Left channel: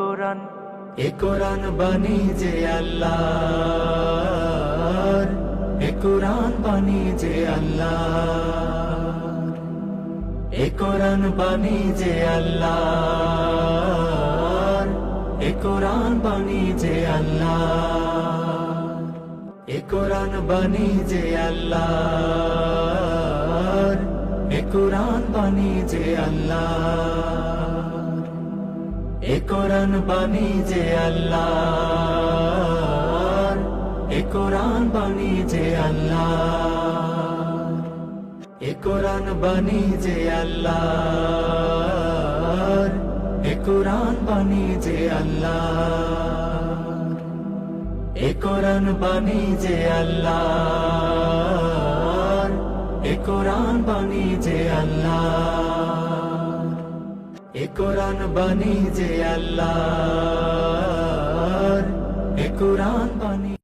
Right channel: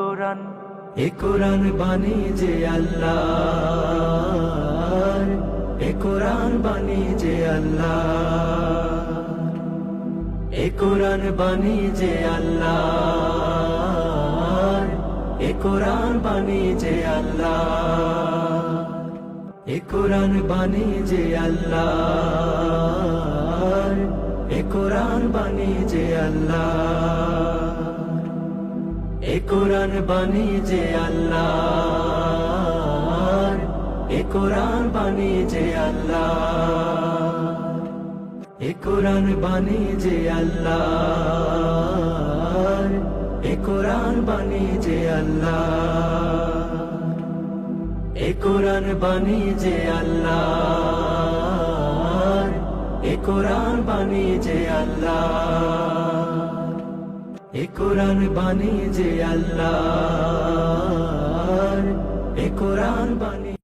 কোরআন। এ কোরআন বাণী যে আল্লাহ এ কোরআন বাণী যে আল্লাহ এ কোরআন বাণী যে আল্লাহ এ কোরআন বাণী যে আল্লাহ এ কোরআন বাণী যে আল্লাহ এ কোরআন বাণী যে আল্লাহ এ কোরআন বাণী যে আল্লাহ এ কোরআন বাণী যে আল্লাহ এ কোরআন বাণী যে আল্লাহ এ কোরআন বাণী যে আল্লাহ এ কোরআন বাণী যে আল্লাহ এ কোরআন বাণী যে আল্লাহ এ কোরআন বাণী যে আল্লাহ এ কোরআন বাণী